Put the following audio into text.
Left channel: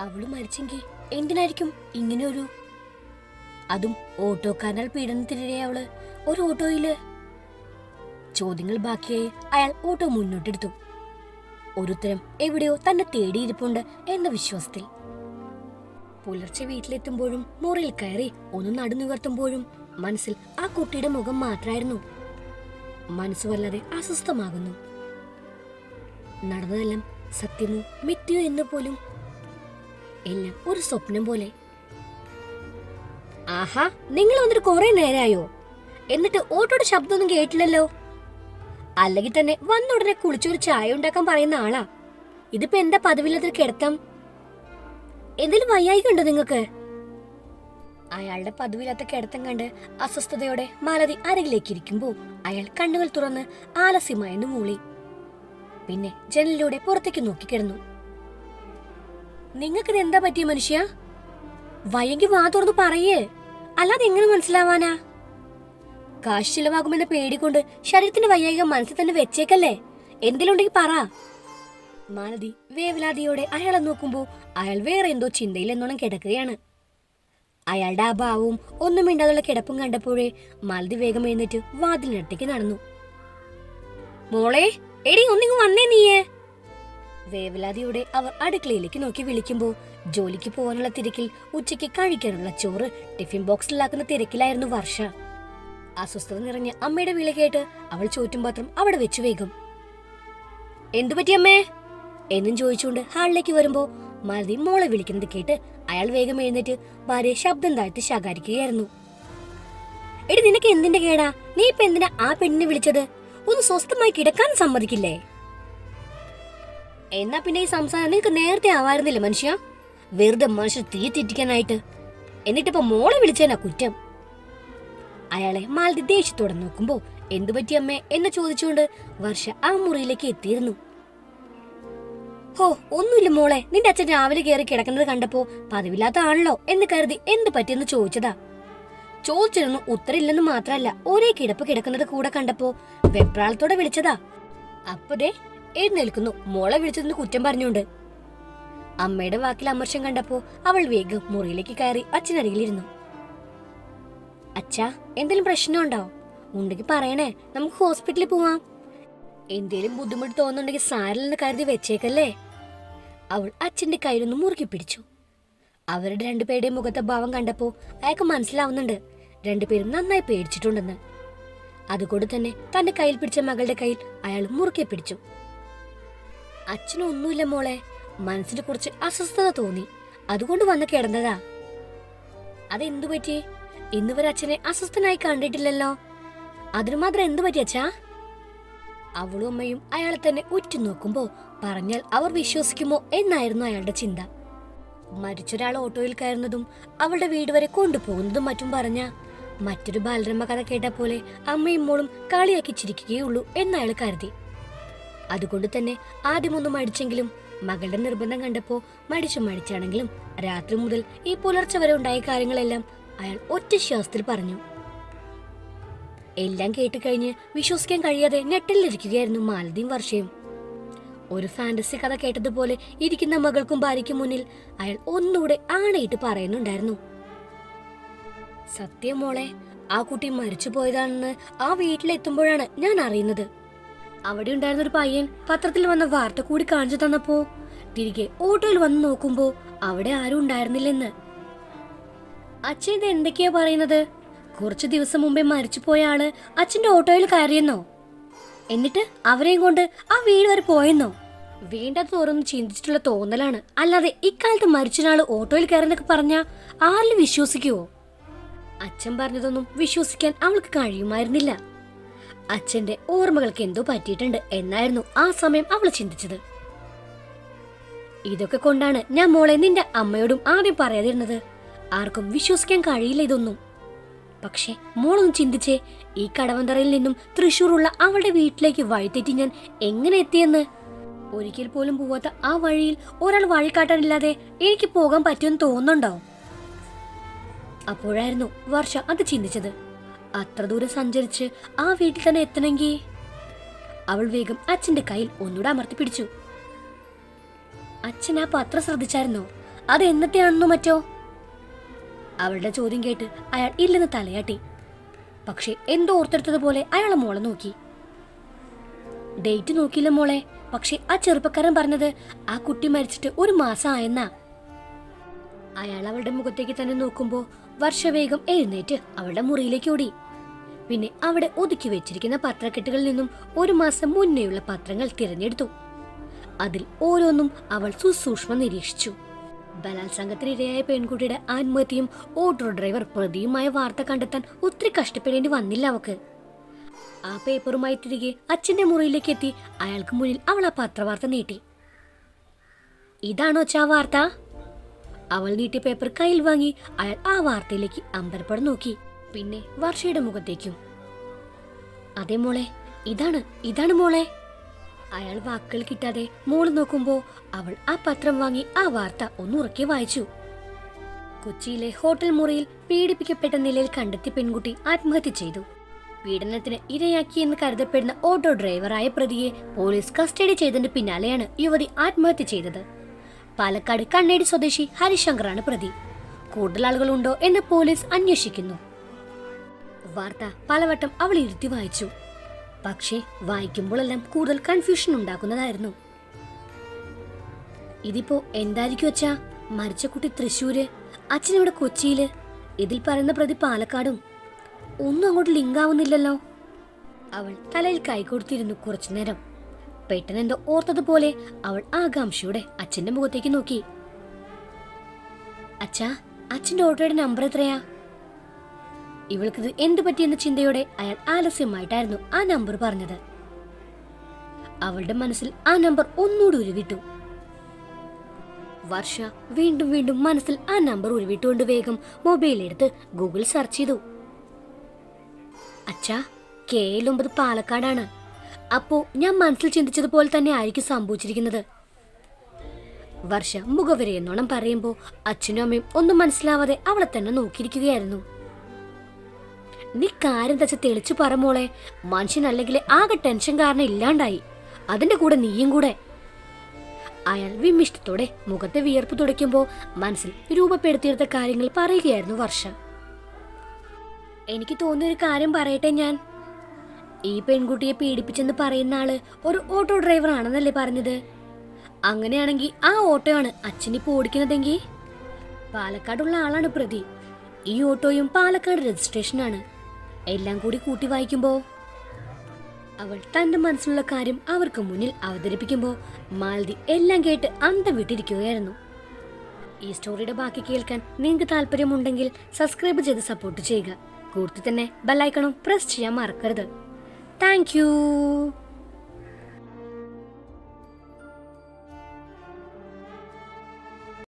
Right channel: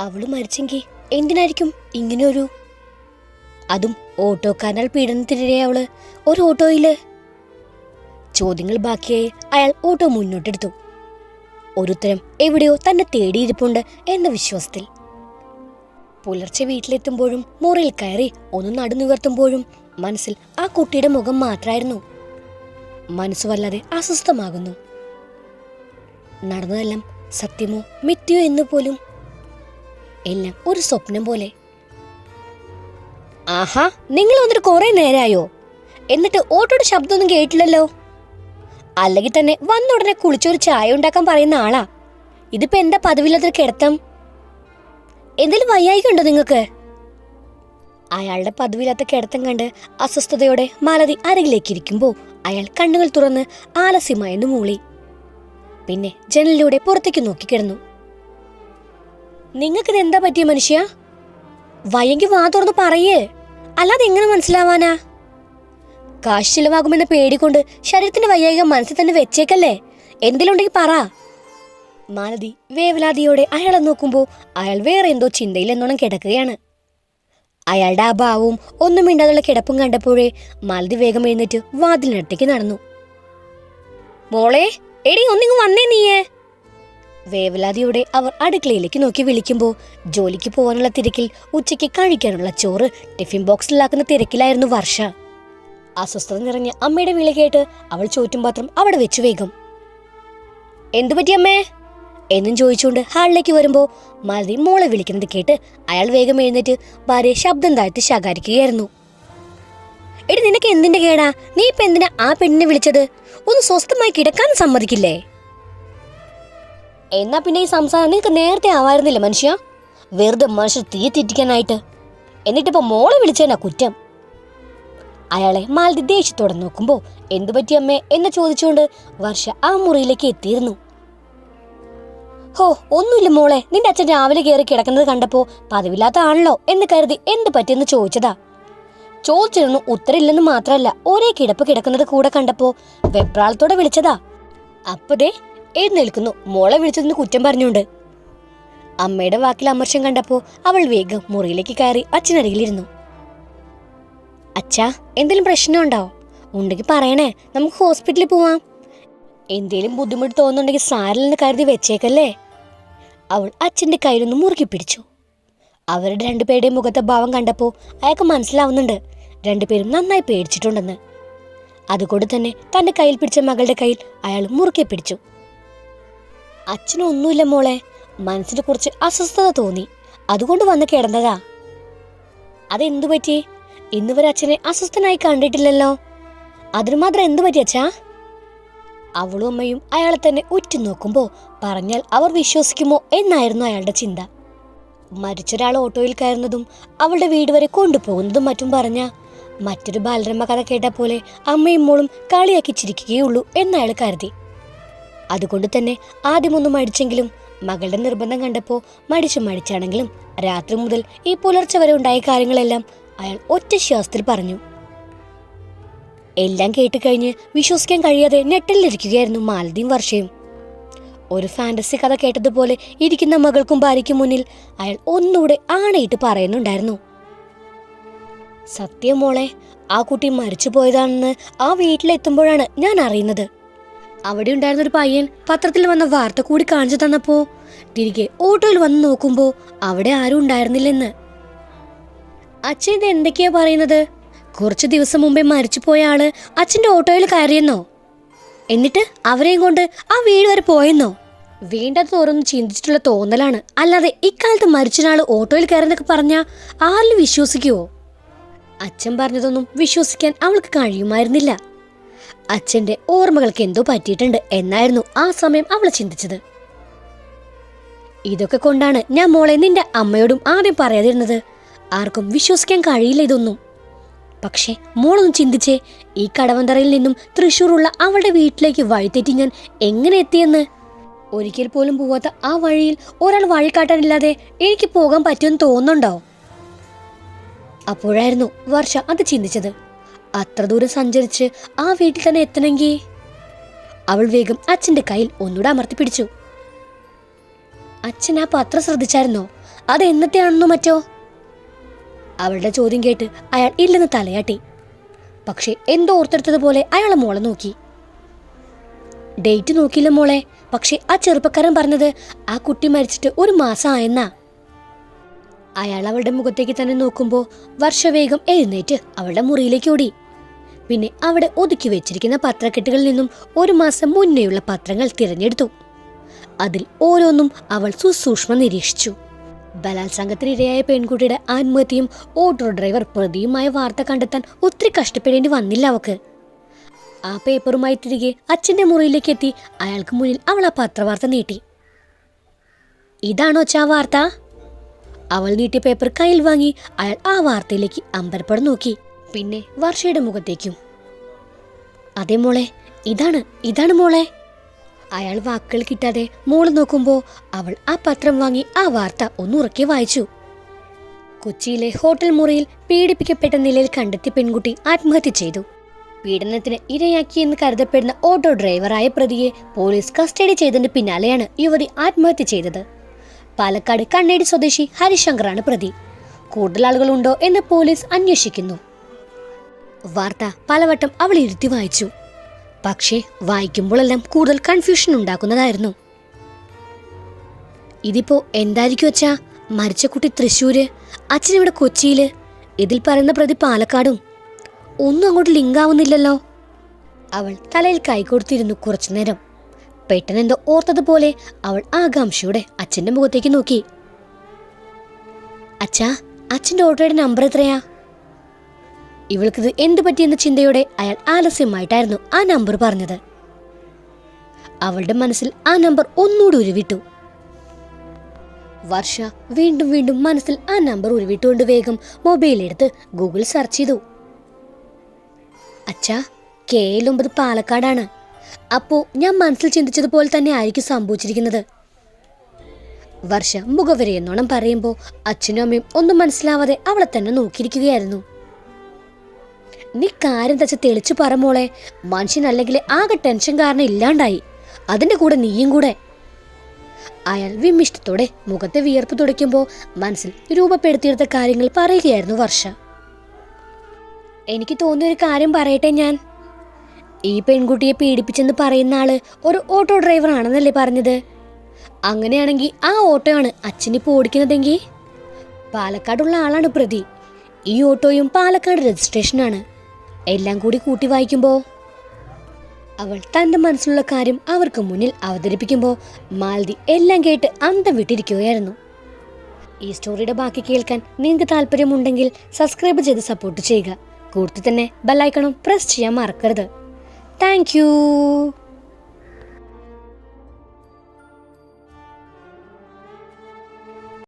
അവള് മരിച്ചെങ്കിൽ എന്തിനായിരിക്കും ഇങ്ങനെയൊരു, അതും ഓട്ടോക്കാരനാൽ പീഡനത്തിനിരയെ അവള് ഒരു ഓട്ടോയില്. ചോദ്യങ്ങൾ ബാക്കിയായി അയാൾ ഓട്ടോ മുന്നോട്ടെടുത്തു. ഒരുത്തരം എവിടെയോ തന്നെ തേടിയിരിപ്പുണ്ട് എന്ന വിശ്വാസത്തിൽ. പുലർച്ചെ വീട്ടിലെത്തുമ്പോഴും മുറിയിൽ കയറി ഒന്ന് നടുനിവർത്തുമ്പോഴും മനസ്സിൽ ആ കുട്ടിയുടെ മുഖം മാത്രമായിരുന്നു. മനസ്സ് വല്ലാതെ അസ്വസ്ഥമാകുന്നു. നടന്നതെല്ലാം സത്യമോ മിഥ്യയോ എന്ന് പോലും, എല്ലാം ഒരു സ്വപ്നം പോലെ. ആഹാ, നിങ്ങൾ വന്നിട്ട് കുറെ നേരമായോ? എന്നിട്ട് ഓട്ടോയുടെ ശബ്ദമൊന്നും കേട്ടില്ലല്ലോ. അല്ലെങ്കിൽ തന്നെ വന്ന ഉടനെ കുളിച്ചൊരു ചായ ഉണ്ടാക്കാൻ പറയുന്ന ആളാ. ഇതിപ്പോ എന്താ പതിവില്ലാത്തൊരു കിടത്തം? എന്തെങ്കിലും വയ്യായിക്കുണ്ടോ നിങ്ങൾക്ക്? അയാളുടെ പതിവില്ലാത്ത കിടത്തം കണ്ട് അസ്വസ്ഥതയോടെ മാലതി അരികിലേക്ക് ഇരിക്കുമ്പോ അയാൾ കണ്ണുകൾ തുറന്ന് ആലസ്യമായെന്ന് മൂളി. പിന്നെ ജനലിലൂടെ പുറത്തേക്ക് നോക്കിക്കിടന്നു. നിങ്ങൾക്കിത് എന്താ പറ്റിയ മനുഷ്യ? വയ്യെങ്കിൽ വാ തുറന്ന് പറയേ, അല്ലാതെ എങ്ങനെ മനസ്സിലാവാനാ? കാശ് ചിലവാകുമെന്ന പേടികൊണ്ട് ശരീരത്തിന്റെ വയ്യായിക മനസ്സിൽ തന്നെ വെച്ചേക്കല്ലേ. എന്തെങ്കിലും ഉണ്ടെങ്കിൽ പറ. മാലതി വേവലാതിയോടെ അയാളെ നോക്കുമ്പോ അയാൾ വേറെ എന്തോ ചിന്തയിൽ എന്നോണം കിടക്കുകയാണ്. അയാളുടെ ആ ഭാവവും ഒന്നും മിണ്ടാതുള്ള കിടപ്പും കണ്ടപ്പോഴേ മാലതി വേഗം എഴുന്നേറ്റ് വാതിലിനടുത്തേക്ക് നടന്നു. മോളെ, എടി ഒന്നിങ്ങ് വന്നേ നീയേ. വേവലാതിയോടെ അവർ അടുക്കളയിലേക്ക് നോക്കി വിളിക്കുമ്പോ ജോലിക്ക് പോകാനുള്ള തിരക്കിൽ ഉച്ചയ്ക്ക് കഴിക്കാനുള്ള ചോറ് ടിഫിൻ ബോക്സിലാക്കുന്ന തിരക്കിലായിരുന്നു വർഷ. അസ്വസ്ഥത നിറഞ്ഞ അമ്മയുടെ വിളി കേട്ട് അവൾ ചോറ്റും പാത്രം അവിടെ വെച്ചു വേഗം. എന്തു പറ്റിയമ്മേ എന്നും ചോദിച്ചുകൊണ്ട് ഹാളിലേക്ക് വരുമ്പോ മാലതി മോളെ വിളിക്കുന്നത് കേട്ട് അയാൾ വേഗം എഴുന്നേറ്റ് ഭാര്യ ശബ്ദം താഴ്ത്തി ശകാരിക്കുകയായിരുന്നു. എടി, നിനക്ക് എന്തിന്റെ കേടാ? നീ ഇപ്പൊ എന്തിനാ ആ പെണ്ണിനെ വിളിച്ചത്? ഒന്ന് സ്വസ്ഥമായി കിടക്കാൻ സമ്മതിക്കില്ലേ? എന്നാ പിന്നെ ഈ സംസാരം നിനക്ക് നേരത്തെ ആവായിരുന്നില്ല മനുഷ്യ. വെറുതെ മനുഷ്യർ തീ തെറ്റിക്കാനായിട്ട്. എന്നിട്ടിപ്പോ മോളെ വിളിച്ചേനാ കുറ്റം. അയാളെ മാലതി ദേഷ്യത്തോടെ നോക്കുമ്പോ എന്തു പറ്റിയമ്മേ എന്ന് ചോദിച്ചുകൊണ്ട് വർഷ ആ മുറിയിലേക്ക് എത്തിയിരുന്നു. ഹോ, ഒന്നുമില്ല മോളെ, നിന്റെ അച്ഛൻ രാവിലെ കയറി കിടക്കുന്നത് കണ്ടപ്പോ പതിവില്ലാത്ത ആണല്ലോ എന്ന് കരുതി എന്ത് പറ്റിയെന്ന് ചോദിച്ചതാ. ചോദിച്ചിരുന്നു, ഉത്തരമില്ലെന്ന് മാത്രല്ല ഒരേ കിടപ്പ് കിടക്കുന്നത് കൂടെ കണ്ടപ്പോ വെപ്രാളത്തോടെ വിളിച്ചതാ. അപ്പതേ എഴുന്നേൽക്കുന്നു മോളെ വിളിച്ചതെന്ന് കുറ്റം പറഞ്ഞുണ്ട്. അമ്മയുടെ വാക്കിൽ അമർഷം കണ്ടപ്പോ അവൾ വേഗം മുറിയിലേക്ക് കയറി അച്ഛനരികിലിരുന്നു. അച്ഛാ, എന്തെങ്കിലും പ്രശ്നമുണ്ടോ? ഉണ്ടെങ്കിൽ പറയണേ, നമുക്ക് ഹോസ്പിറ്റലിൽ പോവാം. എന്തേലും ബുദ്ധിമുട്ട് തോന്നുന്നുണ്ടെങ്കിൽ സാരില്ലെന്ന് കരുതി വെച്ചേക്കല്ലേ. അവൾ അച്ഛന്റെ കയ്യിലൊന്ന് മുറുക്കി പിടിച്ചു. അവരുടെ രണ്ടുപേരുടെയും മുഖത്തെ ഭാവം കണ്ടപ്പോ അയാൾക്ക് മനസ്സിലാവുന്നുണ്ട് രണ്ടുപേരും നന്നായി പേടിച്ചിട്ടുണ്ടെന്ന്. അതുകൊണ്ട് തന്നെ തന്റെ കയ്യിൽ പിടിച്ച മകളുടെ കയ്യിൽ അയാൾ മുറുക്കി പിടിച്ചു. അച്ഛനൊന്നുമില്ല മോളെ, മനസ്സിന് കുറച്ച് അസ്വസ്ഥത തോന്നി, അതുകൊണ്ട് വന്ന് കിടന്നതാ. അതെന്തു പറ്റി? ഇന്നുവരെ അച്ഛനെ അസ്വസ്ഥനായി കണ്ടിട്ടില്ലല്ലോ. അതിനു മാത്രം എന്തു പറ്റി അച്ഛാ? അവളും അമ്മയും അയാളെ തന്നെ ഉറ്റുനോക്കുമ്പോ പറഞ്ഞാൽ അവർ വിശ്വസിക്കുമോ എന്നായിരുന്നു അയാളുടെ ചിന്ത. മരിച്ചൊരാൾ ഓട്ടോയിൽ കയറുന്നതും അവളുടെ വീട് വരെ കൊണ്ടുപോകുന്നതും മറ്റും പറഞ്ഞ മറ്റൊരു ബാലരമ്മ കഥ കേട്ട പോലെ അമ്മയും മോളും കളിയാക്കി ചിരിക്കുകയുള്ളൂ എന്നയാൾ കരുതി. അതുകൊണ്ട് തന്നെ ആദ്യമൊന്നും മടിച്ചെങ്കിലും മകളുടെ നിർബന്ധം കണ്ടപ്പോ മടിച്ചാണെങ്കിലും രാത്രി മുതൽ ഈ പുലർച്ചെ വരെ ഉണ്ടായ കാര്യങ്ങളെല്ലാം അയാൾ ഒറ്റ ശ്വാസത്തിൽ പറഞ്ഞു. എല്ലാം കേട്ട് കഴിഞ്ഞ് വിശ്വസിക്കാൻ കഴിയാതെ ഞെട്ടലിരിക്കുകയായിരുന്നു മാലതിയും വർഷയും. ഒരു ഫാന്റസി കഥ കേട്ടതുപോലെ ഇരിക്കുന്ന മകൾക്കും ഭാര്യയ്ക്കും മുന്നിൽ അയാൾ ഒന്നുകൂടെ ആണയിട്ട് പറയുന്നുണ്ടായിരുന്നു. സത്യം മോളെ, ആ കുട്ടി മരിച്ചു പോയതാണെന്ന് ആ വീട്ടിലെത്തുമ്പോഴാണ് ഞാൻ അറിയുന്നത്. അവിടെ ഉണ്ടായിരുന്നൊരു പയ്യൻ പത്രത്തിൽ വന്ന വാർത്ത കൂടി കാണിച്ചു തന്നപ്പോ തിരികെ ഓട്ടോയിൽ വന്ന് നോക്കുമ്പോ അവിടെ ആരും ഉണ്ടായിരുന്നില്ലെന്ന്. അച്ഛൻ ഇത് എന്തൊക്കെയാ പറയുന്നത്? കുറച്ചു ദിവസം മുമ്പേ മരിച്ചു പോയ ആള് അച്ഛന്റെ ഓട്ടോയിൽ കയറിയെന്നോ? എന്നിട്ട് അവരെയും കൊണ്ട് ആ വീട് വരെ പോയെന്നോ? വേണ്ടാത്ത ഓരോന്നും ചിന്തിച്ചിട്ടുള്ള തോന്നലാണ്, അല്ലാതെ ഇക്കാലത്ത് മരിച്ചൊരാള് ഓട്ടോയിൽ കയറുന്നൊക്കെ പറഞ്ഞാ ആരിലും വിശ്വസിക്കുവോ? അച്ഛൻ പറഞ്ഞതൊന്നും വിശ്വസിക്കാൻ അവൾക്ക് കഴിയുമായിരുന്നില്ല. അച്ഛന്റെ ഓർമ്മകൾക്ക് എന്തോ പറ്റിയിട്ടുണ്ട് എന്നായിരുന്നു ആ സമയം അവൾ ചിന്തിച്ചത്. ഇതൊക്കെ കൊണ്ടാണ് ഞാൻ മോളെ നിന്റെ അമ്മയോടും ആദ്യം പറയാതിരുന്നത്. ആർക്കും വിശ്വസിക്കാൻ കഴിയില്ല ഇതൊന്നും. പക്ഷെ മോളൊന്ന് ചിന്തിച്ചേ, ഈ കടവന്തറയിൽ നിന്നും തൃശ്ശൂറുള്ള അവളുടെ വീട്ടിലേക്ക് വഴിതെറ്റി ഞാൻ എങ്ങനെ എത്തിയെന്ന്. ഒരിക്കൽ പോലും പോവാത്ത ആ വഴിയിൽ ഒരാൾ വഴി കാട്ടാനില്ലാതെ എനിക്ക് പോകാൻ പറ്റുമെന്ന് തോന്നുന്നുണ്ടോ? അപ്പോഴായിരുന്നു വർഷ അത് ചിന്തിച്ചത്. അത്ര ദൂരം സഞ്ചരിച്ച് ആ വീട്ടിൽ തന്നെ എത്തണമെങ്കിൽ അവൾ വേഗം അച്ഛന്റെ കയ്യിൽ ഒന്നുകൂടെ അമർത്തി പിടിച്ചു. അച്ഛൻ ആ പത്രം ശ്രദ്ധിച്ചായിരുന്നോ? അത് എന്നത്തെയാണെന്നോ മറ്റോ? അവളുടെ ചോദ്യം കേട്ട് അയാൾ ഇല്ലെന്ന് തലയാട്ടി. പക്ഷെ എന്തോ ഓർത്തെടുത്തതുപോലെ അയാളെ മോളെ നോക്കി. ഡേറ്റ് നോക്കിയില്ല മോളെ, പക്ഷെ ആ ചെറുപ്പക്കാരൻ പറഞ്ഞത് ആ കുട്ടി മരിച്ചിട്ട് 1 മാസം ആയെന്നാ. അയാൾ അവളുടെ മുഖത്തേക്ക് തന്നെ നോക്കുമ്പോൾ വർഷ വേഗം എഴുന്നേറ്റ് അവളുടെ മുറിയിലേക്ക് ഓടി. പിന്നെ അവിടെ ഒതുക്കി വെച്ചിരിക്കുന്ന പത്രക്കെട്ടുകളിൽ നിന്നും 1 മാസം മുന്നേയുള്ള പത്രങ്ങൾ തിരഞ്ഞെടുത്തു. അതിൽ ഓരോന്നും അവൾ സുസൂക്ഷ്മം നിരീക്ഷിച്ചു. ബലാത്സംഗത്തിനിരയായ പെൺകുട്ടിയുടെ ആത്മഹത്യയും ഓട്ടോ ഡ്രൈവർ പ്രതിയുമായ വാർത്ത കണ്ടെത്താൻ ഒത്തിരി കഷ്ടപ്പെടേണ്ടി വന്നില്ല അവക്ക്. ആ പേപ്പറുമായി തിരികെ അച്ഛന്റെ മുറിയിലേക്ക് എത്തി അയാൾക്ക് മുന്നിൽ അവൾ ആ പത്രവാർത്ത നീട്ടി. ഇതാണോ അച്ഛാ വാർത്ത? അവൾ നീട്ടിയ പേപ്പർ കയ്യിൽ വാങ്ങി അയാൾ ആ വാർത്തയിലേക്ക് അമ്പരപ്പടം നോക്കി. പിന്നെ വർഷയുടെ മുഖത്തേക്കും. അതെ മോളെ, ഇതാണ് മോളെ. അയാൾ വാക്കുകൾ കിട്ടാതെ മോള് നോക്കുമ്പോ അവൾ ആ പത്രം വാങ്ങി ആ വാർത്ത ഒന്നുറക്കെ വായിച്ചു. കൊച്ചിയിലെ ഹോട്ടൽ മുറിയിൽ പീഡിപ്പിക്കപ്പെട്ട നിലയിൽ കണ്ടെത്തിയ പെൺകുട്ടി ആത്മഹത്യ ചെയ്തു. പീഡനത്തിന് ഇരയാക്കിയെന്ന് കരുതപ്പെടുന്ന ഓട്ടോ ഡ്രൈവറായ പ്രതിയെ പോലീസ് കസ്റ്റഡി ചെയ്തതിന് പിന്നാലെയാണ് യുവതി ആത്മഹത്യ ചെയ്തത്. പാലക്കാട് കണ്ണേടി സ്വദേശി ഹരിശങ്കറാണ് പ്രതി. കൂടുതൽ ആളുകളുണ്ടോ എന്ന് പോലീസ് അന്വേഷിക്കുന്നു. വാർത്ത പലവട്ടം അവൾ ഇരുത്തി വായിച്ചു. പക്ഷേ വായിക്കുമ്പോഴെല്ലാം കൂടുതൽ കൺഫ്യൂഷൻ ഉണ്ടാക്കുന്നതായിരുന്നു. ഇതിപ്പോ എന്തായിരിക്കും അച്ഛാ? മരിച്ച കുട്ടി തൃശ്ശൂര്, അച്ഛനിവിടെ കൊച്ചിയില്, ഇതിൽ പറയുന്ന പ്രതി പാലക്കാടും. ഒന്നും അങ്ങോട്ട് ലിങ്ക് ആവുന്നില്ലല്ലോ. അവൾ തലയിൽ കൈകൊടുത്തിരുന്നു കുറച്ചു നേരം. പെട്ടെന്നെന്തോ ഓർത്തതുപോലെ അവൾ ആകാംക്ഷയോടെ അച്ഛന്റെ മുഖത്തേക്ക് നോക്കി. അച്ഛാ, അച്ഛന്റെ ഓട്ടോയുടെ നമ്പർ എത്രയാ? ഇവൾക്കിത് എന്തു പറ്റിയെന്ന ചിന്തയോടെ അയാൾ ആലസ്യമായിട്ടായിരുന്നു ആ നമ്പർ പറഞ്ഞത്. അവളുടെ മനസ്സിൽ ആ നമ്പർ ഒന്നുകൂടി ഉരുവിട്ടു. വർഷ വീണ്ടും വീണ്ടും മനസ്സിൽ ആ നമ്പർ ഉരുവിട്ടുകൊണ്ട് വേഗം മൊബൈലെടുത്ത് ഗൂഗിൾ സെർച്ച് ചെയ്തു. അച്ഛാ, KL9 പാലക്കാടാണ്. അപ്പോ ഞാൻ മനസ്സിൽ ചിന്തിച്ചതുപോലെ തന്നെ ആയിരിക്കും സംഭവിച്ചിരിക്കുന്നത്. വർഷ മുഖവരെയെന്നോണം പറയുമ്പോൾ അച്ഛനും അമ്മയും ഒന്നും മനസ്സിലാവാതെ അവളെ തന്നെ നോക്കിയിരിക്കുകയായിരുന്നു. നീ കാര്യം തച്ച തെളിച്ചു പറ മോളെ. മനുഷ്യനല്ലെങ്കിൽ ആകെ ടെൻഷൻ കാരണം ഇല്ലാണ്ടായി, അതിന്റെ കൂടെ നീയും കൂടെ. അയാൾ വിമിഷ്ടത്തോടെ മുഖത്തെ വിയർപ്പ് തുടയ്ക്കുമ്പോൾ മനസ്സിൽ രൂപപ്പെടുത്തിയെടുത്ത കാര്യങ്ങൾ പറയുകയായിരുന്നു വർഷ. എനിക്ക് തോന്നിയൊരു കാര്യം പറയട്ടെ ഞാൻ. ഈ പെൺകുട്ടിയെ പീഡിപ്പിച്ചെന്ന് പറയുന്ന ആള് ഒരു ഓട്ടോ ഡ്രൈവർ ആണെന്നല്ലേ പറഞ്ഞത്? അങ്ങനെയാണെങ്കിൽ ആ ഓട്ടോ ആണ് അച്ഛനിപ്പോ ഓടിക്കുന്നതെങ്കിൽ പാലക്കാടുള്ള ആളാണ് പ്രതി. ഈ ഓട്ടോയും പാലക്കാട് രജിസ്ട്രേഷനാണ്. എല്ലാം കൂടി കൂട്ടി വായിക്കുമ്പോൾ അവൾ തന്റെ മനസ്സിലുള്ള കാര്യം അവർക്ക് മുന്നിൽ അവതരിപ്പിക്കുമ്പോൾ മാലതി എല്ലാം കേട്ട് അന്തം വിട്ടിരിക്കുകയായിരുന്നു. ഈ സ്റ്റോറിയുടെ ബാക്കി കേൾക്കാൻ നിങ്ങൾക്ക് താല്പര്യമുണ്ടെങ്കിൽ സബ്സ്ക്രൈബ് ചെയ്ത് സപ്പോർട്ട് ചെയ്യുക. കൂടുതൽ തന്നെ ബെല്ലൈക്കണും പ്രസ് ചെയ്യാൻ മറക്കരുത്. Thank you.